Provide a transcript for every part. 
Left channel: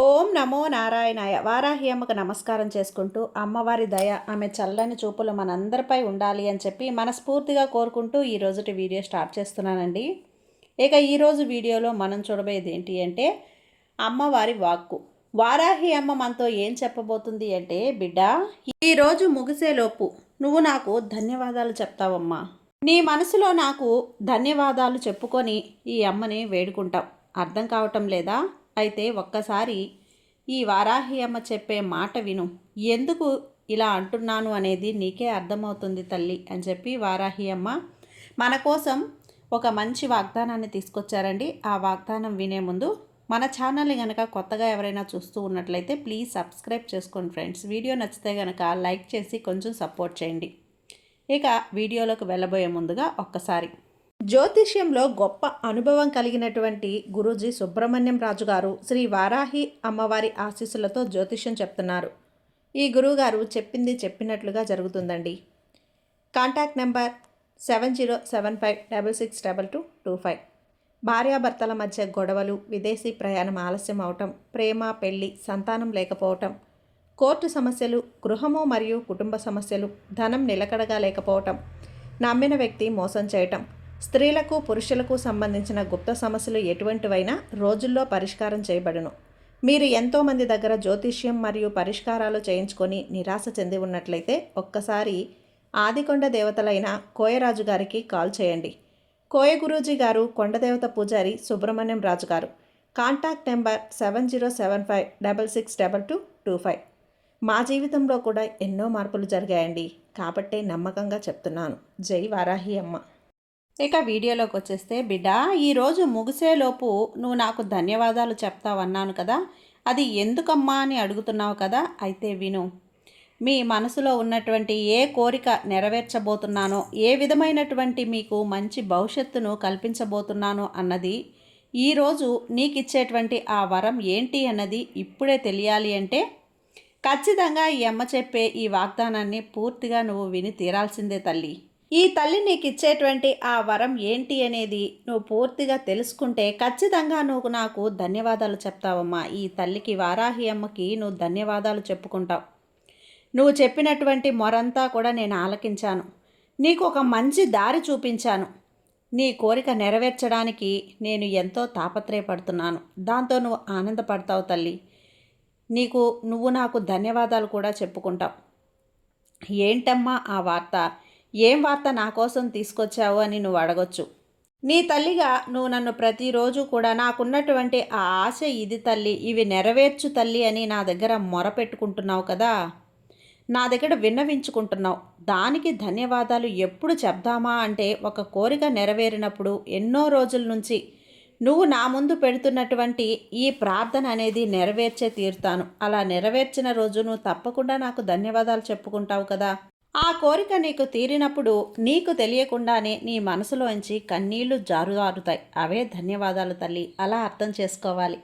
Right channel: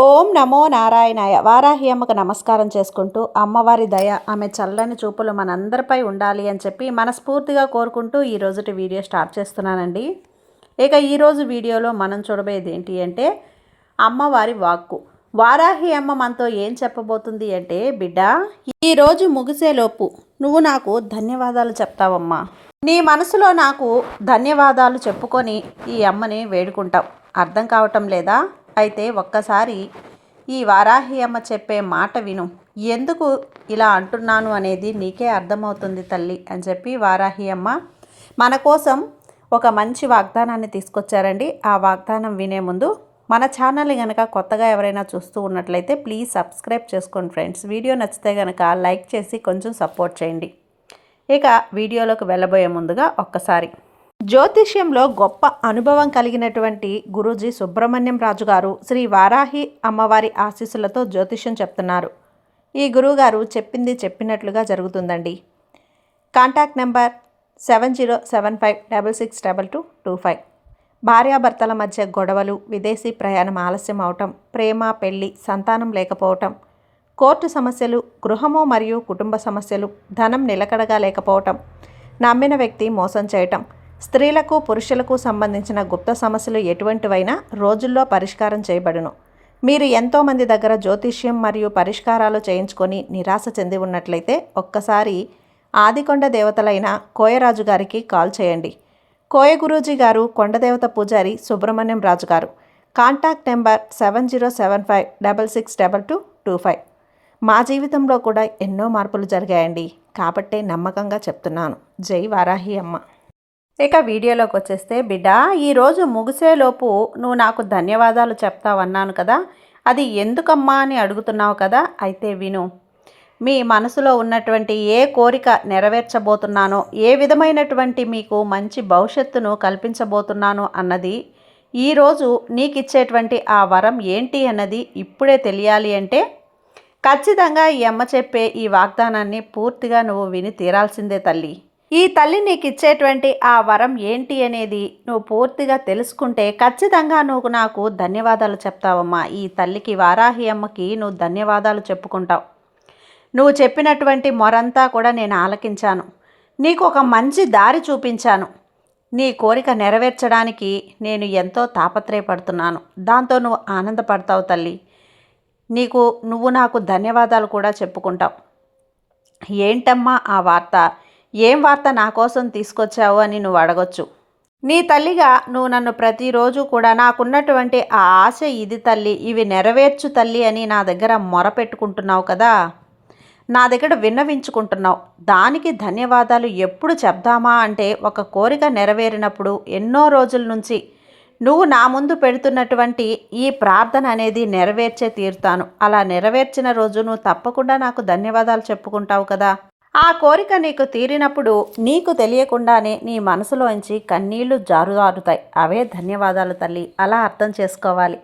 ఓం నమో నారాయణాయ. వారాహి అమ్మకు నమస్కారం చేసుకుంటూ అమ్మవారి దయ ఆమె చల్లని చూపులు మనందరిపై ఉండాలి అని చెప్పి మనస్ఫూర్తిగా కోరుకుంటూ ఈరోజుటి వీడియో స్టార్ట్ చేస్తున్నానండి. ఇక ఈరోజు వీడియోలో మనం చూడబోయేది ఏంటి అంటే అమ్మవారి వాక్కు. వారాహి అమ్మ మనతో ఏం చెప్పబోతుంది అంటే, బిడ్డ, ఈరోజు ముగిసేలోపు నువ్వు నాకు ధన్యవాదాలు చెప్తావమ్మా. నీ మనసులో నాకు ధన్యవాదాలు చెప్పుకొని ఈ అమ్మని వేడుకుంటాం. అర్థం కావటం లేదా? అయితే ఒక్కసారి ఈ వారాహి అమ్మ చెప్పే మాట విను. ఎందుకు ఇలా అంటున్నాను అనేది నీకే అర్థమవుతుంది తల్లి అని చెప్పి వారాహి అమ్మ మన కోసం ఒక మంచి వాగ్దానాన్ని తీసుకొచ్చారండి. ఆ వాగ్దానం వినే ముందు మన ఛానల్ని కనుక కొత్తగా ఎవరైనా చూస్తూ ఉన్నట్లయితే ప్లీజ్ సబ్స్క్రైబ్ చేసుకోండి ఫ్రెండ్స్. వీడియో నచ్చితే కనుక లైక్ చేసి కొంచెం సపోర్ట్ చేయండి. ఇక వీడియోలోకి వెళ్ళబోయే ముందుగా ఒక్కసారి జ్యోతిష్యంలో గొప్ప అనుభవం కలిగినటువంటి గురూజీ సుబ్రహ్మణ్యం రాజు గారు శ్రీ వారాహి అమ్మవారి ఆశీస్సులతో జ్యోతిష్యం చెప్తున్నారు. ఈ గురువుగారు చెప్పింది చెప్పినట్లుగా జరుగుతుందండి. Contact number 7075662225. భార్యాభర్తల మధ్య గొడవలు, విదేశీ ప్రయాణం ఆలస్యం అవటం, ప్రేమ, పెళ్లి, సంతానం లేకపోవటం, కోర్టు సమస్యలు, గృహము మరియు కుటుంబ సమస్యలు, ధనం నిలకడగా లేకపోవటం, నమ్మిన వ్యక్తి మోసం చేయటం, స్త్రీలకు పురుషులకు సంబంధించిన గుప్త సమస్యలు ఎటువంటివైనా రోజుల్లో పరిష్కారం చేయబడును. మీరు ఎంతోమంది దగ్గర జ్యోతిష్యం మరియు పరిష్కారాలు చేయించుకొని నిరాశ చెంది ఉన్నట్లయితే ఒక్కసారి ఆదికొండ దేవతలైన కోయరాజు గారికి కాల్ చేయండి. కోయ గురూజీ గారు కొండదేవత పూజారి సుబ్రహ్మణ్యం రాజు గారు. Contact number 7075662225. మా జీవితంలో కూడా ఎన్నో మార్పులు జరిగాయండి, కాబట్టే నమ్మకంగా చెప్తున్నాను. జై వారాహి అమ్మ. ఇక వీడియోలోకి వచ్చేస్తే, బిడ్డ, ఈరోజు ముగిసేలోపు నువ్వు నాకు ధన్యవాదాలు చెప్తావన్నాను కదా, అది ఎందుకమ్మా అని అడుగుతున్నావు కదా. అయితే విను. మీ మనసులో ఉన్నటువంటి ఏ కోరిక నెరవేర్చబోతున్నానో, ఏ విధమైనటువంటి మీకు మంచి భవిష్యత్తును కల్పించబోతున్నానో అన్నది, ఈరోజు నీకు ఇచ్చేటువంటి ఆ వరం ఏంటి అన్నది ఇప్పుడే తెలియాలి అంటే ఖచ్చితంగా ఈ అమ్మ చెప్పే ఈ వాగ్దానాన్ని పూర్తిగా నువ్వు విని తీరాల్సిందే తల్లి. ఈ తల్లి నీకు ఇచ్చేటువంటి ఆ వరం ఏంటి అనేది నువ్వు పూర్తిగా తెలుసుకుంటే ఖచ్చితంగా నువ్వు నాకు ధన్యవాదాలు చెప్తావమ్మా. ఈ తల్లికి, వారాహి అమ్మకి నువ్వు ధన్యవాదాలు చెప్పుకుంటావు. నువ్వు చెప్పినటువంటి మొరంతా కూడా నేను ఆలకించాను. నీకు ఒక మంచి దారి చూపించాను. నీ కోరిక నెరవేర్చడానికి నేను ఎంతో తాపత్రయపడుతున్నాను. దాంతో నువ్వు ఆనందపడతావు తల్లి. నువ్వు నాకు ధన్యవాదాలు కూడా చెప్పుకుంటావు. ఏంటమ్మా ఆ వార్త? ఏం వార్త నా కోసం తీసుకొచ్చావు అని నువ్వు అడగొచ్చు. నీ తల్లిగా నువ్వు నన్ను ప్రతిరోజు కూడా నాకున్నటువంటి ఆ ఆశ ఇది తల్లి, ఇవి నెరవేర్చు తల్లి అని నా దగ్గర మొరపెట్టుకుంటున్నావు కదా, నా దగ్గర విన్నవించుకుంటున్నావు. దానికి ధన్యవాదాలు ఎప్పుడు చెప్దామా అంటే, ఒక కోరిక నెరవేరినప్పుడు ఎన్నో రోజుల నుంచి నువ్వు నా ముందు పెడుతున్నటువంటి ఈ ప్రార్థన అనేది నెరవేర్చే తీరుతాను. అలా నెరవేర్చిన రోజు నువ్వు తప్పకుండా నాకు ధన్యవాదాలు చెప్పుకుంటావు కదా. ఆ కోరిక నీకు తీరినప్పుడు నీకు తెలియకుండానే నీ మనసులోంచి కన్నీళ్లు జారుతాయి. అవే ధన్యవాదాలు తల్లి. అలా అర్థం చేసుకోవాలి.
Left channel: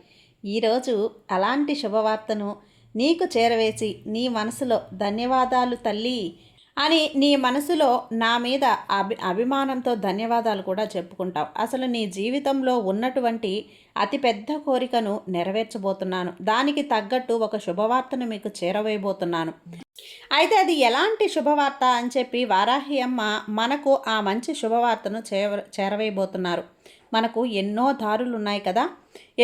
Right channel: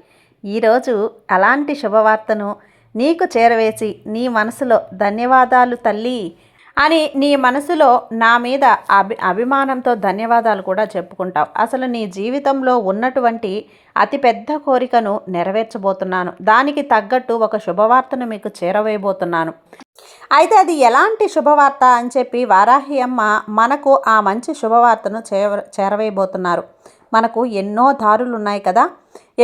ఈరోజు అలాంటి శుభవార్తను నీకు చేరవేసి నీ మనసులో ధన్యవాదాలు తల్లి అని నీ మనసులో నా మీద అభిమానంతో ధన్యవాదాలు కూడా చెప్పుకుంటావు. అసలు నీ జీవితంలో ఉన్నటువంటి అతిపెద్ద కోరికను నెరవేర్చబోతున్నాను. దానికి తగ్గట్టు ఒక శుభవార్తను మీకు చేరవేయబోతున్నాను. అయితే అది ఎలాంటి శుభవార్త అని చెప్పి వారాహి అమ్మ మనకు ఆ మంచి శుభవార్తను చేరవేయబోతున్నారు. మనకు ఎన్నో దారులు ఉన్నాయి కదా,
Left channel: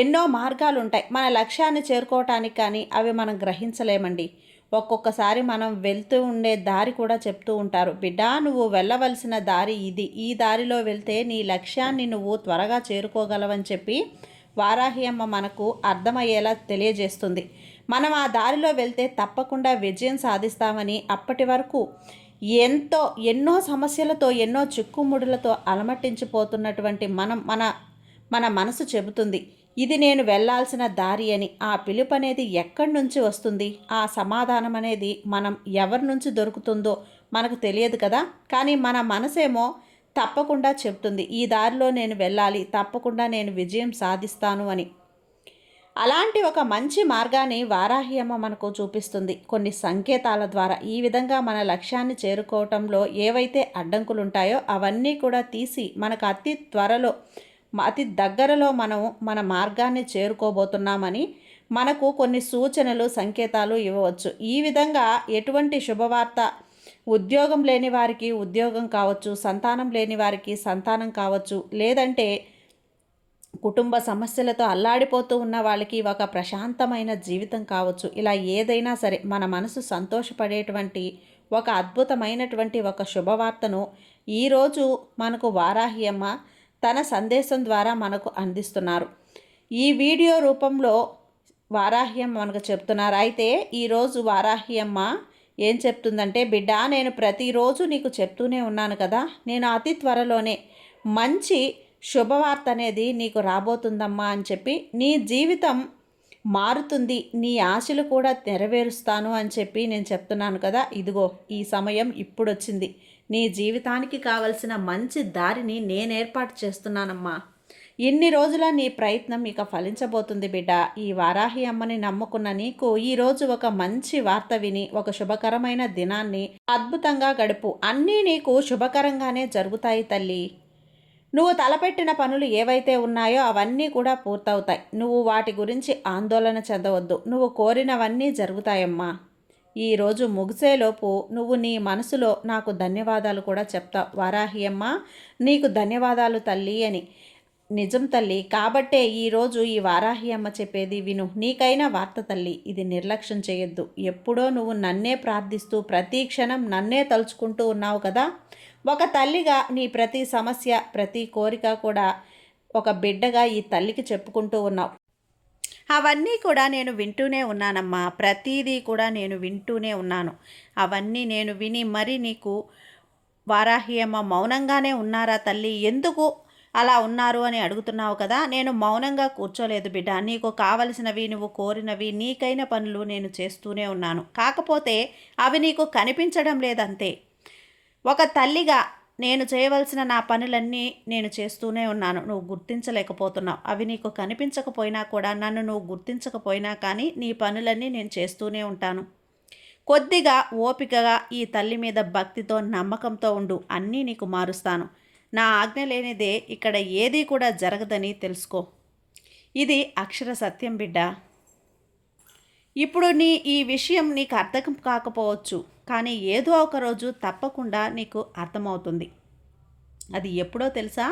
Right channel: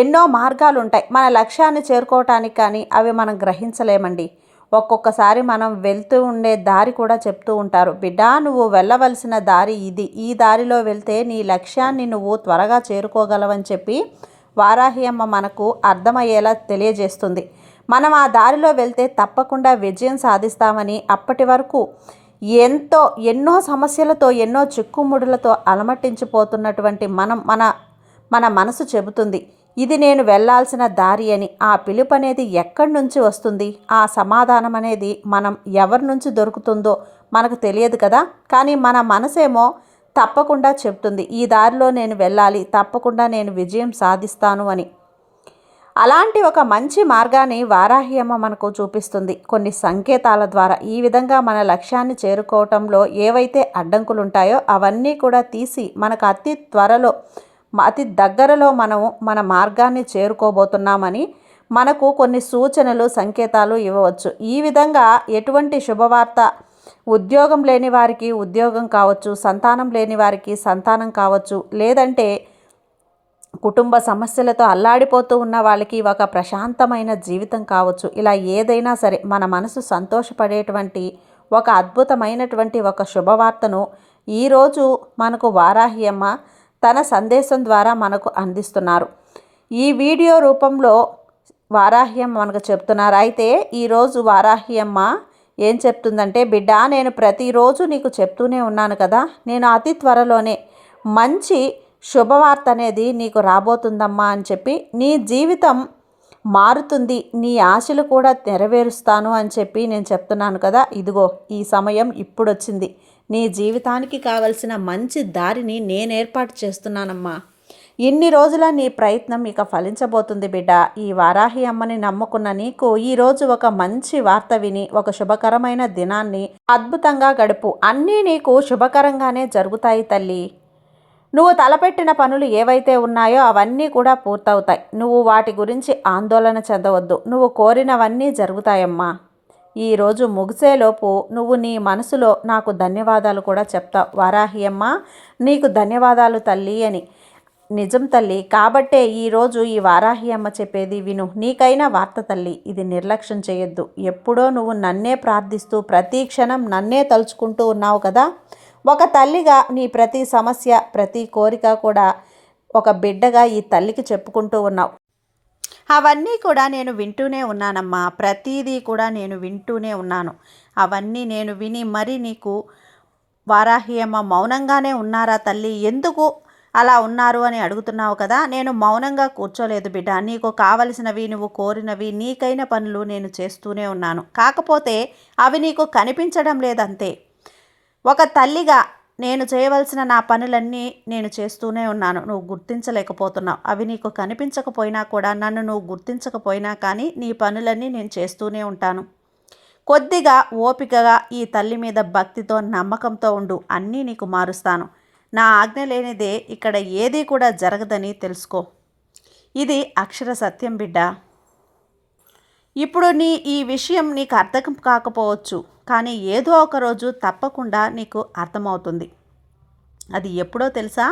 ఎన్నో మార్గాలు ఉంటాయి మన లక్ష్యాన్ని చేరుకోవటానికి, కానీ అవి మనం గ్రహించలేమండి. ఒక్కొక్కసారి మనం వెళ్తూ ఉండే దారి కూడా చెప్తూ ఉంటారు, బిడ్డ నువ్వు వెళ్ళవలసిన దారి ఇది, ఈ దారిలో వెళ్తే నీ లక్ష్యాన్ని నువ్వు త్వరగా చేరుకోగలవని చెప్పి వారాహి అమ్మ మనకు అర్థమయ్యేలా తెలియజేస్తుంది. మనం ఆ దారిలో వెళ్తే తప్పకుండా విజయం సాధిస్తామని అప్పటి వరకు ఎన్నో సమస్యలతో, ఎన్నో చిక్కుముడులతో అలమటించిపోతున్నటువంటి మన మనసు చెబుతుంది, ఇది నేను వెళ్ళాల్సిన దారి అని. ఆ పిలుపు అనేది ఎక్కడి నుంచి వస్తుంది, ఆ సమాధానం అనేది మనం ఎవరి నుంచి దొరుకుతుందో మనకు తెలియదు కదా. కానీ మన మనసేమో తప్పకుండా చెప్తుంది, ఈ దారిలో నేను వెళ్ళాలి, తప్పకుండా నేను విజయం సాధిస్తాను అని. అలాంటి ఒక మంచి మార్గాన్ని వారాహి అమ్మ మనకు చూపిస్తుంది కొన్ని సంకేతాల ద్వారా. ఈ విధంగా మన లక్ష్యాన్ని చేరుకోవటంలో ఏవైతే అడ్డంకులు ఉంటాయో అవన్నీ కూడా తీసి మనకు అతి దగ్గరలో మనము మన మార్గాన్ని చేరుకోబోతున్నామని మనకు కొన్ని సూచనలు సంకేతాలు ఇవ్వవచ్చు. ఈ విధంగా ఎటువంటి శుభవార్త ఉద్యోగం లేని వారికి ఉద్యోగం కావచ్చు, సంతానం లేని వారికి సంతానం కావచ్చు, లేదంటే కుటుంబ సమస్యలతో అల్లాడిపోతూ ఉన్న వాళ్ళకి ఒక ప్రశాంతమైన జీవితం కావచ్చు. ఇలా ఏదైనా సరే మన మనసు సంతోషపడేటువంటి ఒక అద్భుతమైనటువంటి ఒక శుభవార్తను ఈరోజు మనకు వారాహి అమ్మ తన సందేశం ద్వారా మనకు అందిస్తున్నారు. ఈ వీడియో రూపంలో వారాహి అమ్మ మనకు చెప్తున్నారు. అయితే ఈరోజు వారాహి అమ్మ ఏం చెప్తుందంటే, బిడ్డ, నేను ప్రతిరోజు నీకు చెప్తూనే ఉన్నాను కదా, నేను అతి త్వరలోనే మంచి శుభవార్త అనేది నీకు రాబోతుందమ్మా అని చెప్పి, నీ జీవితం మారుతుంది, నీ ఆశలు కూడా నెరవేరుస్తాను అని చెప్పి నేను చెప్తున్నాను కదా. ఇదిగో ఈ సమయం ఇప్పుడు వచ్చింది. నీ జీవితానికి కావలసిన మంచి దారిని నేను ఏర్పాటు చేస్తున్నానమ్మా. ఇన్ని రోజుల నీ ప్రయత్నం ఇక ఫలించబోతుంది బిడ్డ. ఈ వారాహి అమ్మని నమ్ముకున్న నీకు ఈరోజు ఒక మంచి వార్త విని ఒక శుభకరమైన దినాన్ని అద్భుతంగా గడుపు. అన్నీ నీకు శుభకరంగానే జరుగుతాయి తల్లి. నువ్వు తలపెట్టిన పనులు ఏవైతే ఉన్నాయో అవన్నీ కూడా పూర్తవుతాయి. నువ్వు వాటి గురించి ఆందోళన చెందవద్దు. నువ్వు కోరినవన్నీ జరుగుతాయమ్మా. ఈరోజు ముగిసేలోపు నువ్వు నీ మనసులో నాకు ధన్యవాదాలు కూడా చెప్తావు. వారాహి అమ్మ, నీకు ధన్యవాదాలు తల్లి అని. నిజం తల్లి. కాబట్టే ఈరోజు ఈ వారాహి అమ్మ చెప్పేది విను. నీకైనా వార్త తల్లి, ఇది నిర్లక్ష్యం చేయొద్దు. ఎప్పుడో నువ్వు నన్నే ప్రార్థిస్తూ ప్రతి క్షణం నన్నే తలుచుకుంటూ ఉన్నావు కదా. ఒక తల్లిగా నీ ప్రతి సమస్య, ప్రతి కోరిక కూడా ఒక బిడ్డగా ఈ తల్లికి చెప్పుకుంటూ ఉన్నావు. అవన్నీ కూడా నేను వింటూనే ఉన్నానమ్మా. ప్రతిదీ కూడా నేను వింటూనే ఉన్నాను. అవన్నీ నేను విని మరి నీకు వారాహి అమ్మ మౌనంగానే ఉన్నారా తల్లి, ఎందుకు అలా ఉన్నారు అని అడుగుతున్నావు కదా. నేను మౌనంగా కూర్చోలేదు బిడ్డ. నీకు కావలసినవి, నువ్వు కోరినవి, నీకైన పనులు నేను చేస్తూనే ఉన్నాను. కాకపోతే అవి నీకు కనిపించడం లేదంతే. ఒక తల్లిగా నేను చేయవలసిన నా పనులన్నీ నేను చేస్తూనే ఉన్నాను. నువ్వు గుర్తించలేకపోతున్నావు. అవి నీకు కనిపించకపోయినా కూడా, నన్ను నువ్వు గుర్తించకపోయినా కానీ నీ పనులన్నీ నేను చేస్తూనే ఉంటాను. కొద్దిగా ఓపికగా ఈ తల్లి మీద భక్తితో, నమ్మకంతో ఉండు. అన్నీ నీకు మారుస్తాను. నా ఆజ్ఞ లేనిదే ఇక్కడ ఏదీ కూడా జరగదని తెలుసుకో. ఇది అక్షర సత్యం బిడ్డ. ఇప్పుడు ఈ విషయం నీకు అర్థం కాకపోవచ్చు, కానీ ఏదో ఒక రోజు తప్పకుండా నీకు అర్థమవుతుంది. అది ఎప్పుడో తెలుసా?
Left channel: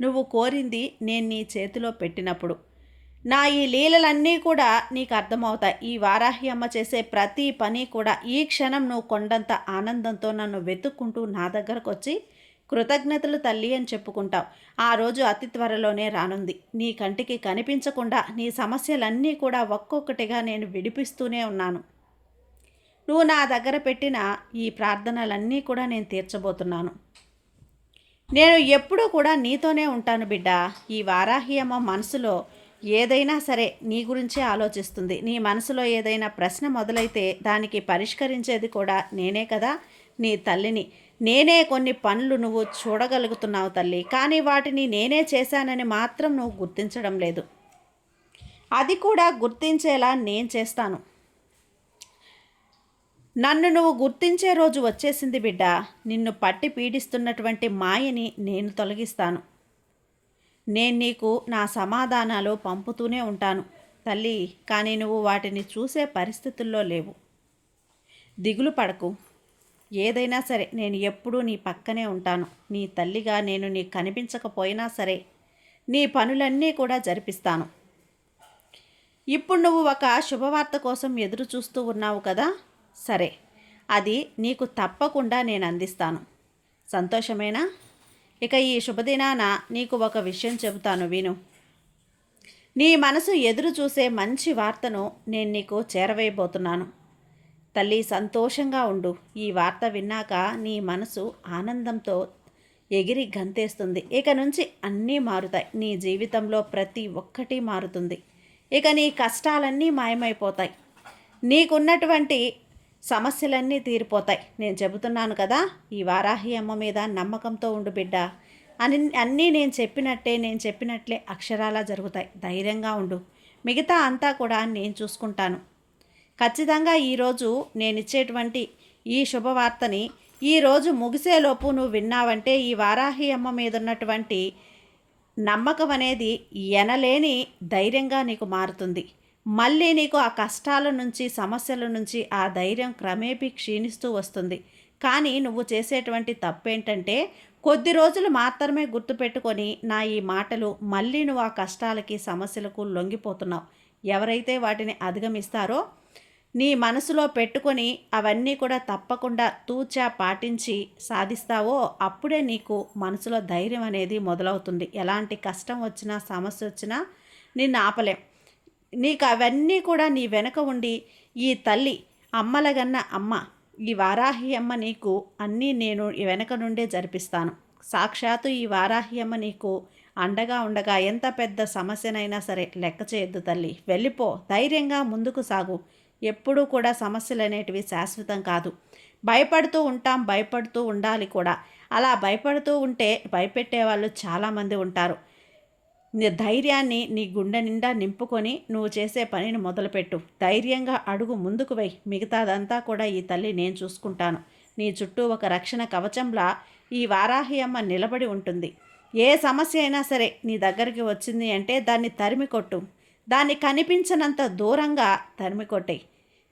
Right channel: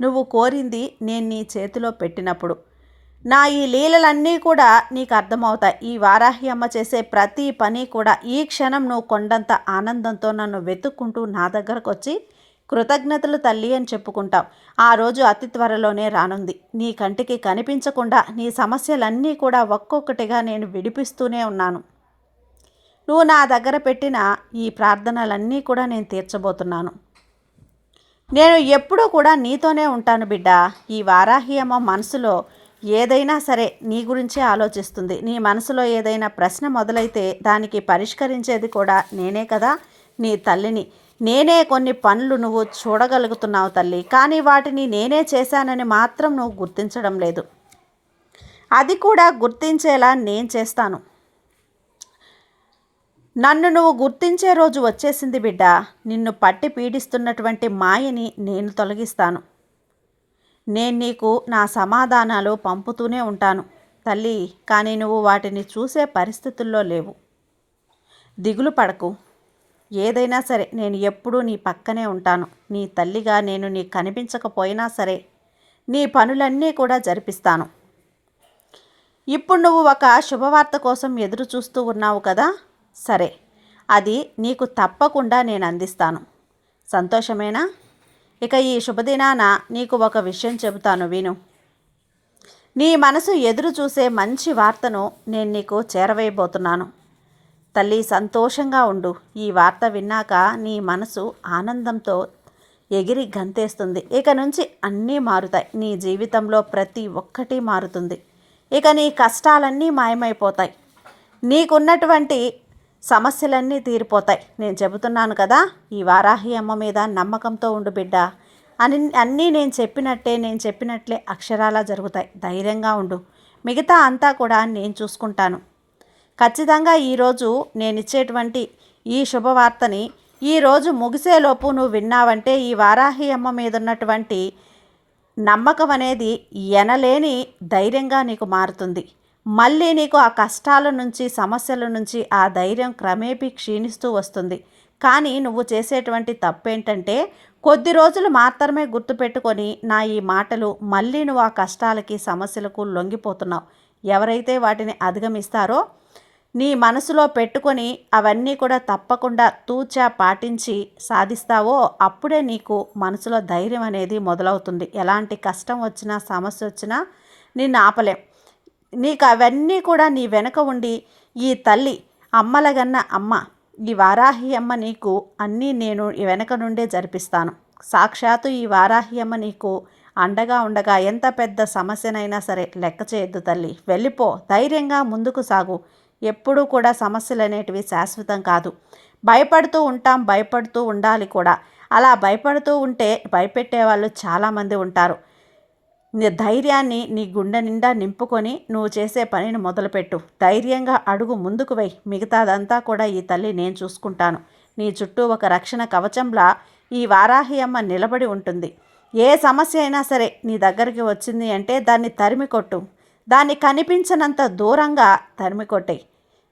నువ్వు కోరింది నేను నీ చేతిలో పెట్టినప్పుడు. నా ఈ లీలలన్నీ కూడా నీకు అర్థమవుతాయి. ఈ వారాహి అమ్మ చేసే ప్రతి పని కూడా ఈ క్షణం నువ్వు కొండంత ఆనందంతో నన్ను వెతుక్కుంటూ నా దగ్గరకు వచ్చి కృతజ్ఞతలు తల్లి అని చెప్పుకుంటావు. ఆ రోజు అతి త్వరలోనే రానుంది. నీ కంటికి కనిపించకుండా నీ సమస్యలన్నీ కూడా ఒక్కొక్కటిగా నేను విడిపిస్తూనే ఉన్నాను. నువ్వు నా దగ్గర పెట్టిన ఈ ప్రార్థనలన్నీ కూడా నేను తీర్చబోతున్నాను. నేను ఎప్పుడూ కూడా నీతోనే ఉంటాను బిడ్డ. ఈ వారాహి అమ్మ మనసులో ఏదైనా సరే నీ గురించే ఆలోచిస్తుంది. నీ మనసులో ఏదైనా ప్రశ్న మొదలైతే దానికి పరిష్కరించేది కూడా నేనే కదా, నీ తల్లిని. నేనే కొన్ని పనులు నువ్వు చూడగలుగుతున్నావు తల్లి, కానీ వాటిని నేనే చేశానని మాత్రం నువ్వు గుర్తించడం లేదు. అది కూడా గుర్తించేలా నేను చేస్తాను. నన్ను నువ్వు గుర్తించే రోజు వచ్చేసింది బిడ్డ. నిన్ను పట్టి పీడిస్తున్నటువంటి మాయని నేను తొలగిస్తాను. నేను నీకు నా సమాధానాలు పంపుతూనే ఉంటాను తల్లి, కానీ నువ్వు వాటిని చూసే పరిస్థితుల్లో లేవు. దిగులు పడకు. ఏదైనా సరే నేను ఎప్పుడూ నీ పక్కనే ఉంటాను. నీ తల్లిగా నేను నీకు కనిపించకపోయినా సరే నీ పనులన్నీ కూడా జరిపిస్తాను. ఇప్పుడు నువ్వు ఒక శుభవార్త కోసం ఎదురు చూస్తూ ఉన్నావు కదా. సరే, అది నీకు తప్పకుండా నేను అందిస్తాను. సంతోషమేనా? ఇక ఈ శుభదినాన నీకు ఒక విషయం చెబుతాను, విను. నీ మనసు ఎదురు చూసే మంచి వార్తను నేను నీకు చేరవేయబోతున్నాను. తల్లి, సంతోషంగా ఉండు. ఈ వార్త విన్నాక నీ మనసు ఆనందంతో ఎగిరి గంతేస్తుంది. ఇక నుంచి అన్నీ మారుతాయి. నీ జీవితంలో ప్రతి ఒక్కటి మారుతుంది. ఇక నీ కష్టాలన్నీ మాయమైపోతాయి. నీకున్నటువంటి సమస్యలన్నీ తీరిపోతాయి. నేను చెబుతున్నాను కదా, ఈ వారాహి అమ్మ మీద నమ్మకంతో ఉండు బిడ్డ. అన్నీ నేను చెప్పినట్లే అక్షరాలా జరుగుతాయి. ధైర్యంగా ఉండు. మిగతా అంతా కూడా నేను చూసుకుంటాను. ఖచ్చితంగా ఈరోజు నేను ఇచ్చేటువంటి ఈ శుభవార్తని ఈరోజు ముగిసేలోపు నువ్వు విన్నావంటే ఈ వారాహి అమ్మ మీద ఉన్నటువంటి నమ్మకం అనేది ఎనలేని ధైర్యంగా నీకు మారుతుంది. మళ్ళీ నీకు ఆ కష్టాల నుంచి సమస్యల నుంచి ఆ ధైర్యం క్రమేపీ క్షీణిస్తూ వస్తుంది. కానీ నువ్వు చేసేటువంటి తప్పేంటంటే కొద్ది రోజులు మాత్రమే గుర్తుపెట్టుకొని నా ఈ మాటలు మళ్ళీ నువ్వు ఆ కష్టాలకి సమస్యలకు లొంగిపోతున్నావు. ఎవరైతే వాటిని అధిగమిస్తారో నీ మనసులో పెట్టుకొని అవన్నీ కూడా తప్పకుండా తూచా పాటించి సాధిస్తావో అప్పుడే నీకు మనసులో ధైర్యం అనేది మొదలవుతుంది. ఎలాంటి కష్టం వచ్చినా సమస్య వచ్చినా నిన్ను ఆపలేం. నీకు అవన్నీ కూడా నీ వెనక ఉండి ఈ తల్లి అమ్మలగన్న అమ్మ ఈ వారాహి అమ్మ నీకు అన్నీ నేను వెనక నుండే జరిపిస్తాను. సాక్షాత్తు ఈ వారాహి అమ్మ నీకు అండగా ఉండగా ఎంత పెద్ద సమస్యనైనా సరే లెక్క చేయొద్దు తల్లి. వెళ్ళిపో, ధైర్యంగా ముందుకు సాగు. ఎప్పుడూ కూడా సమస్యలు అనేటివి శాశ్వతం కాదు. భయపడుతూ ఉంటాం, భయపడుతూ ఉండాలి కూడా. అలా భయపడుతూ ఉంటే భయపెట్టే వాళ్ళు చాలామంది ఉంటారు. నీ ధైర్యాన్ని నీ గుండె నిండా నింపుకొని నువ్వు చేసే పనిని మొదలుపెట్టు. ధైర్యంగా అడుగు ముందుకు వెయ్యి. మిగతాదంతా కూడా ఈ తల్లి నేను చూసుకుంటాను. నీ చుట్టూ ఒక రక్షణ కవచంలా ఈ వారాహి అమ్మ నిలబడి ఉంటుంది. ఏ సమస్య అయినా సరే నీ దగ్గరికి వచ్చింది అంటే దాన్ని తరిమి కొట్టు. దాన్ని కనిపించనంత దూరంగా తరిమి కొట్టేయి.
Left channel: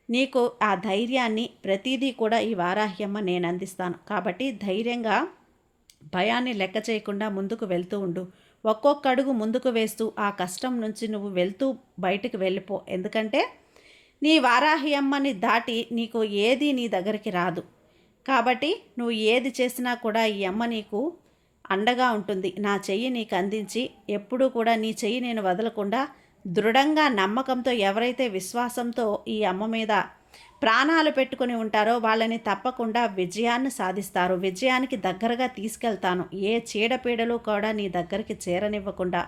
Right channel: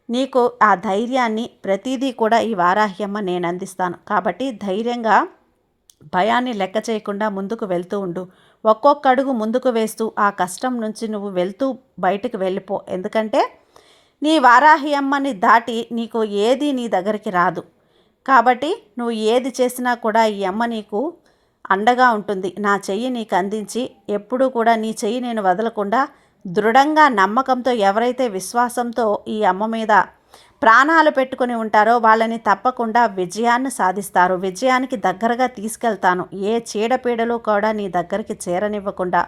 నీకు ఆ ధైర్యాన్ని ప్రతిదీ కూడా ఈ వారాహి అమ్మ నేను అందిస్తాను. కాబట్టి ధైర్యంగా భయాన్ని లెక్క చేయకుండా ముందుకు వెళ్తూ ఉండు. ఒక్కొక్క అడుగు ముందుకు వేస్తూ ఆ కష్టం నుంచి నువ్వు వెళ్తూ బయటకు వెళ్ళిపో. ఎందుకంటే నీ వారాహి అమ్మని దాటి నీకు ఏది నీ దగ్గరికి రాదు. కాబట్టి నువ్వు ఏది చేసినా కూడా ఈ అమ్మ నీకు అండగా ఉంటుంది. నా చెయ్యి నీకు అందించి ఎప్పుడూ కూడా నీ చెయ్యి నేను వదలకుండా దృఢంగా నమ్మకంతో ఎవరైతే విశ్వాసంతో ఈ అమ్మ మీద ప్రాణాలు పెట్టుకుని ఉంటారో వాళ్ళని తప్పకుండా విజయాన్ని సాధిస్తారు. విజయానికి దగ్గరగా తీసుకెళ్తాను. ఏ చీడపీడలు కూడా నీ దగ్గరికి చేరనివ్వకుండా,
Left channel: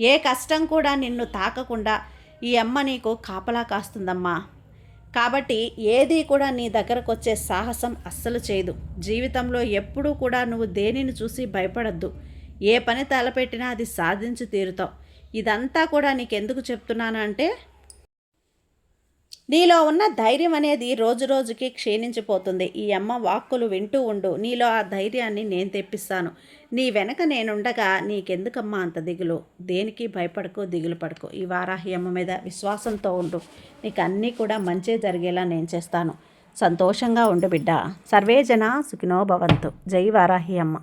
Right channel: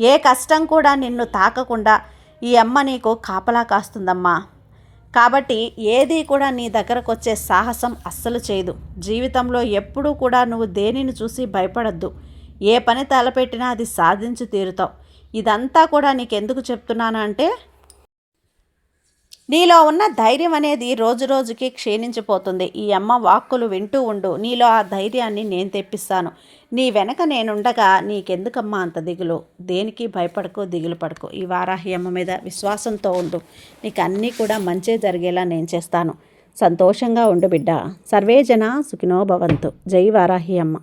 ఏ కష్టం కూడా నిన్ను తాకకుండా ఈ అమ్మ నీకు కాపలా కాస్తుందమ్మా. కాబట్టి ఏది కూడా నీ దగ్గరకు వచ్చే సాహసం అస్సలు చేయదు. జీవితంలో ఎప్పుడూ కూడా నువ్వు దేనిని చూసి భయపడద్దు. ఏ పని తలపెట్టినా అది సాధించి తీరుతావు. ఇదంతా కూడా నీకెందుకు చెప్తున్నాను అంటే నీలో ఉన్న ధైర్యం అనేది రోజు రోజుకి క్షీణించిపోతుంది. ఈ అమ్మ వాక్కులు వింటూ ఉండు. నీలో ఆ ధైర్యాన్ని నేను తెప్పిస్తాను. నీ వెనక నేనుండగా నీకెందుకమ్మా అంత దిగులు? దేనికి భయపడకు, దిగులు పడకు. ఈ వారాహి అమ్మ మీద విశ్వాసంతో ఉండు. నీకు అన్నీ కూడా మంచే జరిగేలా నేను చేస్తాను. సంతోషంగా ఉండు బిడ్డ. సర్వేజన సుఖినో భవంతు. జై వారాహి అమ్మ.